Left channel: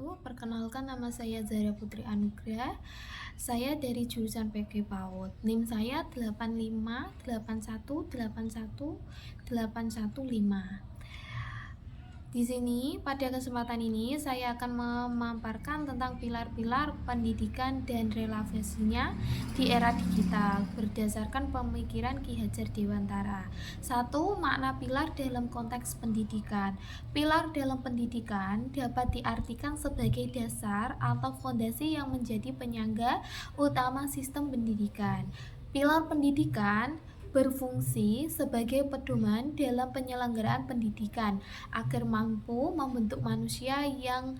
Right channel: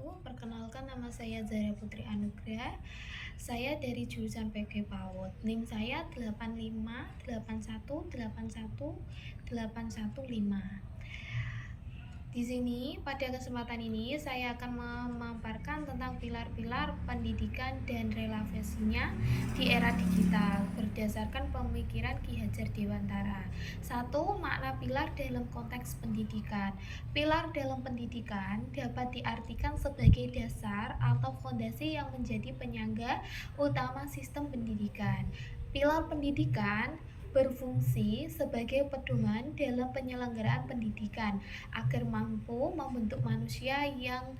wabarakatuh. Perkenalkan, nama saya Zara Putri Anugrah. Saya dari jurusan PG PAUD. NIM saya 8581818115. Di sini, pada kesempatan ini, saya akan memaparkan tentang pilar-pilar pendidikan dan relevansinya di era digital berdasarkan pemikiran Ki Hajar Dewantara. 1. Makna pilar dalam konteks pendidikan. Pilar dalam pendidikan dapat diartikan sebagai dasar atau fondasi yang menjadi penyangga utama sistem pendidikan. Pilar pendidikan berfungsi sebagai pedoman dalam penyelenggaraan pendidikan agar mampu membentuk manusia yang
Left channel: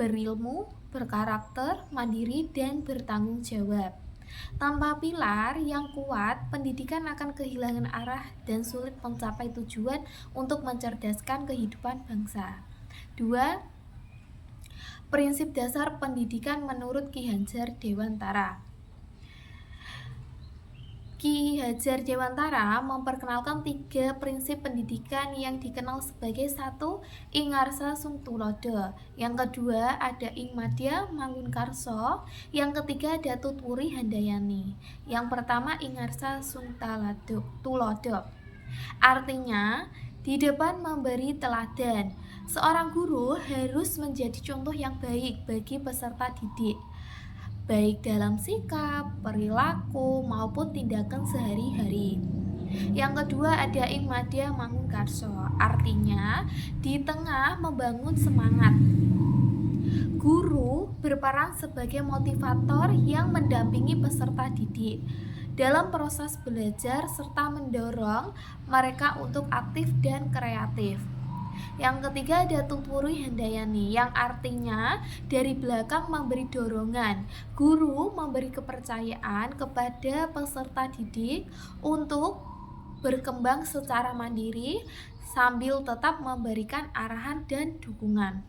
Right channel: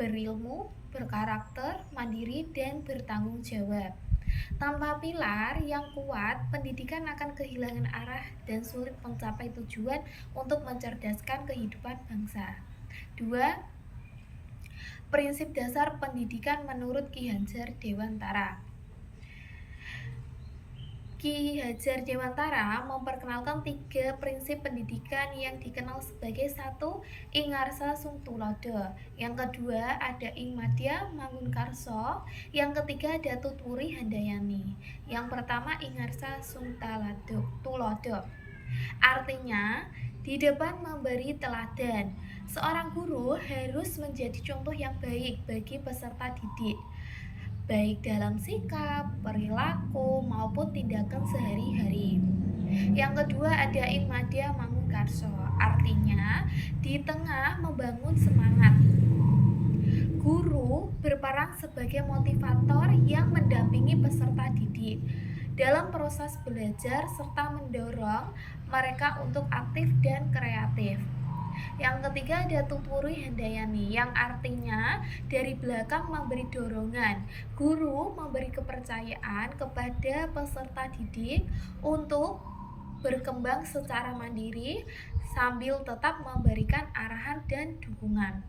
berilmu, berkarakter, mandiri, dan bertanggung jawab. Tanpa pilar yang kuat, pendidikan akan kehilangan arah dan sulit mencapai tujuan untuk mencerdaskan kehidupan bangsa. 2. Prinsip dasar pendidikan menurut Ki Hajar Dewantara. Ki Hajar Dewantara memperkenalkan 3 prinsip pendidikan yang dikenal sebagai 1. Ingarsa Sung Tulodo. Yang kedua ada Ing Madya Mangunkarso. Yang ketiga ada Tutwuri Handayani. Yang pertama Ingarsa Sung Tulodo. Artinya, di depan memberi teladan. Seorang guru harus menjadi contoh yang baik bagi peserta didik, baik dalam sikap, perilaku, maupun tindakan sehari-hari. Yang kedua ada Ing Madya Mangunkarso, artinya di tengah membangun semangat. Guru berperan sebagai motivator yang mendampingi peserta didik dalam proses belajar serta mendorong mereka untuk aktif dan kreatif. Yang ketiga ada Tutwuri Handayani, yang artinya dari belakang memberi dorongan. Guru memberi kepercayaan kepada peserta didik untuk berkembang secara mandiri sambil tetap memberikan arahan dan dukungan.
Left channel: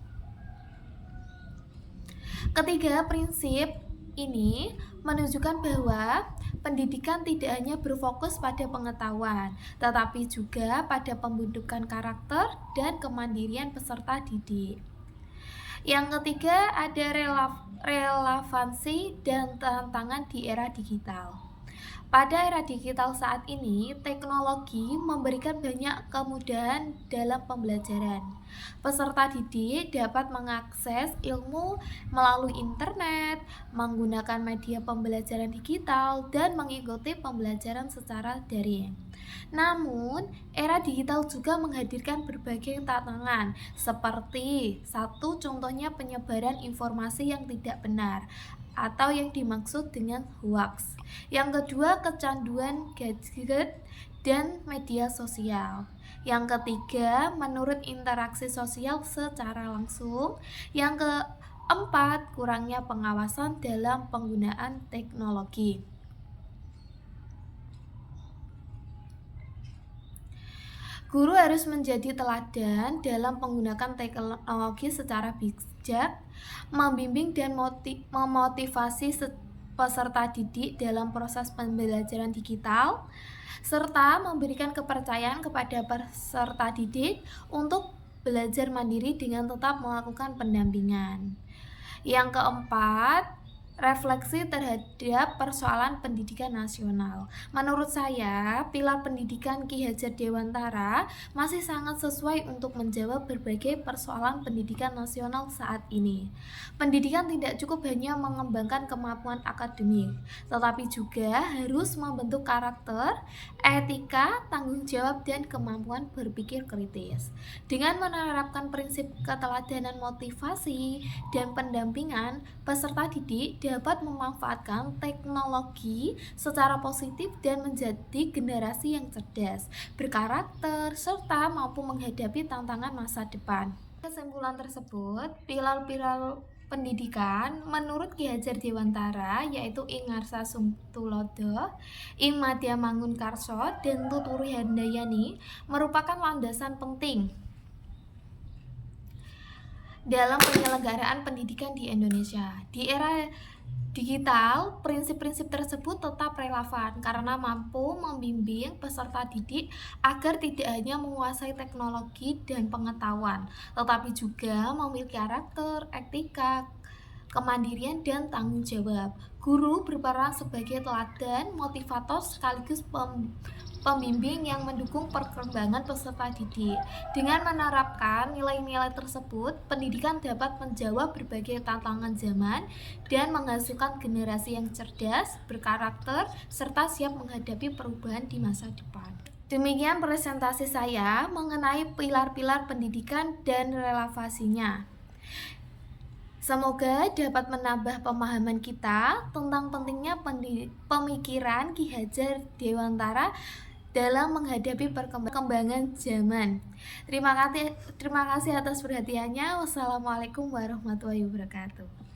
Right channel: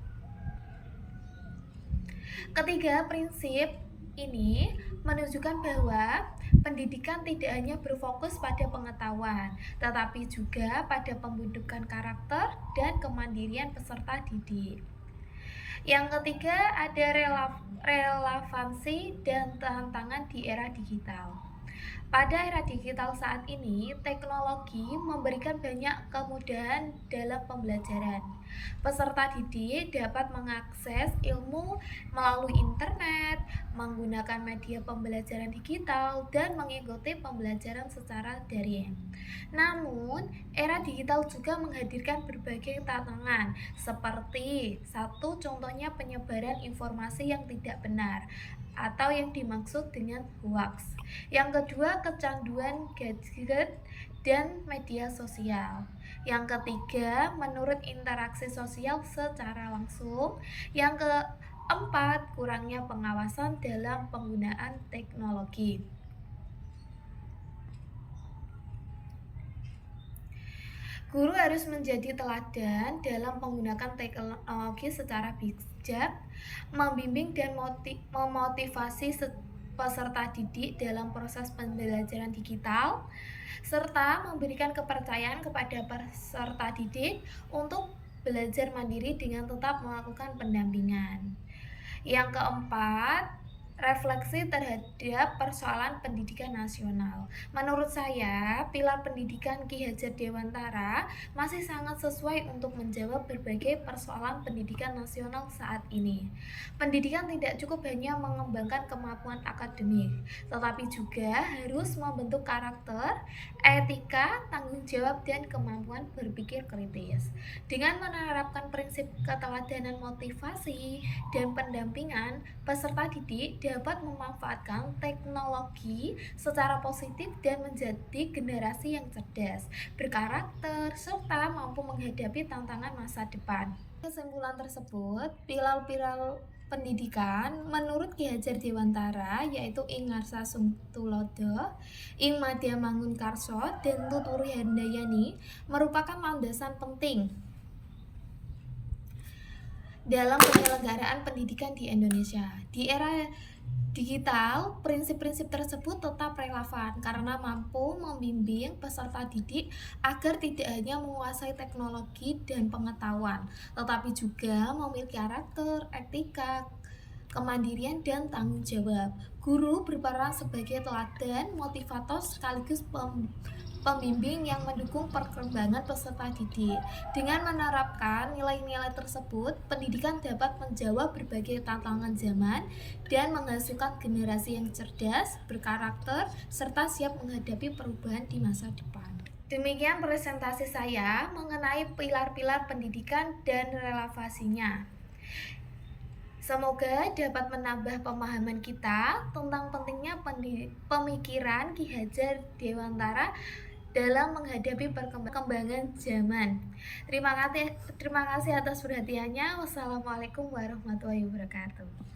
Ketiga prinsip ini menunjukkan bahwa pendidikan tidak hanya berfokus pada pengetahuan, tetapi juga pada pembentukan karakter dan kemandirian peserta didik. Yang ketiga ada relevansi dan tantangan di era digital. Pada era digital saat ini, teknologi memberikan banyak kemudahan dalam pembelajaran. Peserta didik dapat mengakses ilmu melalui internet, menggunakan media pembelajaran digital, dan mengikuti pembelajaran secara daring. Namun, era digital juga menghadirkan berbagai tantangan, seperti satu contohnya penyebaran informasi yang tidak benar atau yang dimaksud dengan hoax. Yang kedua, kecanduan gadget dan media sosial. Yang ketiga, menurut interaksi sosial secara langsung. Yang keempat, kurangnya pengawasan dalam penggunaan teknologi. Guru harus menjadi teladan dalam menggunakan teknologi secara bijak, membimbing dan memotivasi peserta didik dalam proses pembelajaran digital, serta memberikan kepercayaan kepada peserta didik untuk belajar mandiri dengan tetap melakukan pendampingan. Yang keempat, refleksi terhadap persoalan pendidikan nasional. Menurut saya, pilar pendidikan Ki Hajar Dewantara masih sangat sesuai untuk menjawab berbagai persoalan pendidikan nasional saat ini. Pendidikan tidak cukup hanya mengembangkan kemampuan akademik, tetapi juga harus membentuk karakter, etika, tanggung jawab, dan kemampuan berpikir kritis. Dengan menerapkan prinsip keteladanan, motivasi, dan pendampingan, peserta didik dapat memanfaatkan teknologi secara positif dan menjadi generasi yang cerdas, berkarakter, serta mampu menghadapi tantangan masa depan. Kesimpulan tersebut, pilar-pilar pendidikan menurut Ki Hajar Dewantara yaitu Ingarsa Sung Tulodo, Ing Madya Mangunkarso, dan Tutwuri Handayani merupakan landasan penting dalam penyelenggaraan pendidikan di Indonesia. Di era digital, prinsip-prinsip tersebut tetap relevan karena mampu membimbing peserta didik agar tidak hanya menguasai teknologi dan pengetahuan, tetapi juga memiliki karakter, etika, kemandirian, dan tanggung jawab. Guru berperan sebagai teladan, motivator, sekaligus pembimbing yang mendukung perkembangan peserta didik. Dengan menerapkan nilai-nilai tersebut, pendidikan dapat menjawab berbagai tantangan zaman dan menghasilkan generasi yang cerdas, berkarakter, serta siap menghadapi perubahan di masa depan. Demikian presentasi saya mengenai pilar-pilar pendidikan dan relevansinya. Semoga dapat menambah pemahaman kita tentang pentingnya pemikiran Ki Hajar Dewantara dalam menghadapi perkembangan zaman. Terima kasih atas perhatiannya. Wassalamualaikum warahmatullahi wabarakatuh.